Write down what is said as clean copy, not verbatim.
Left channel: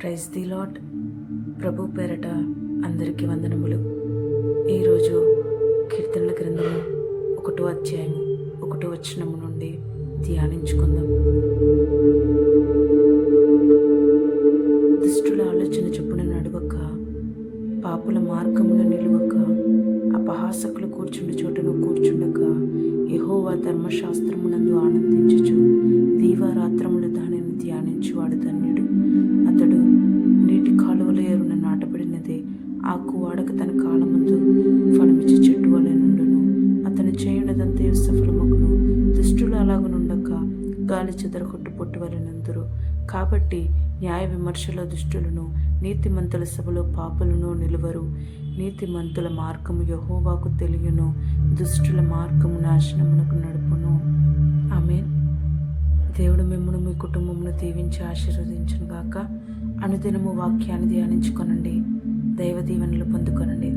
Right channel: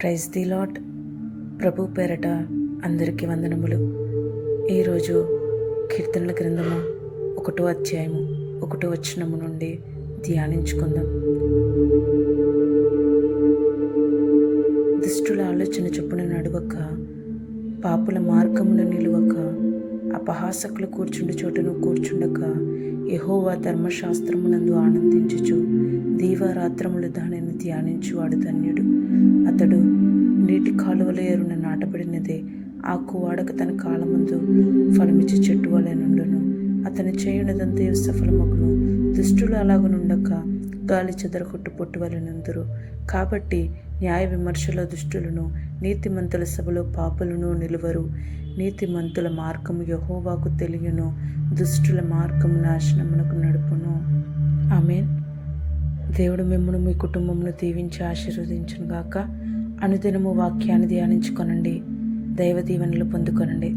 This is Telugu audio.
Praise the lord. ప్రభు పేరట అందరికీ వందనములు. ఈరోజు కీర్తనల గ్రంథము 1వ అధ్యాయము 1వ వచనము నుండి ధ్యానించుకుందాం. దుష్టుల ఆలోచన చొప్పున నడువక, పాపుల మార్గమున నిలువక, అపహాసకులు కూర్చుండు చోటను కూర్చుండక, యెహోవా ధర్మశాస్త్రమునందు ఆనందించుచు దీవారాత్రములు దానిని ధ్యానించువాడు ధన్యుడు. అతడు నీటి కాలువల ఎరున నాటబడినదే, ఆకు వాడక తన కాలమందు ఫలమిచ్చి చెట్టు వలె నుండును. అతను చేయునదంతయు సఫలమగును. దుష్టులు అలాగనుండక గాలి చెదరగొట్టు పొట్టు వలె నుందురు. కాబట్టి న్యాయ విమర్శలో దుష్టులను, నీతిమంతుల సభలో పాపులను నిలువరు. నీతిమంతుల మార్గము యెహోవాకు తెలియను, దుష్టుల మార్గము నాశనమునకు నడుపును. ఆమేన్. దేవుడు మిమ్మును మీ కుటుంబమును దీవించి ఆశీర్వదించును గాక. అనుదినము వాక్యాన్ని ధ్యానించుకొనండి, దైవ దీవెనలు పొందుకొనండి.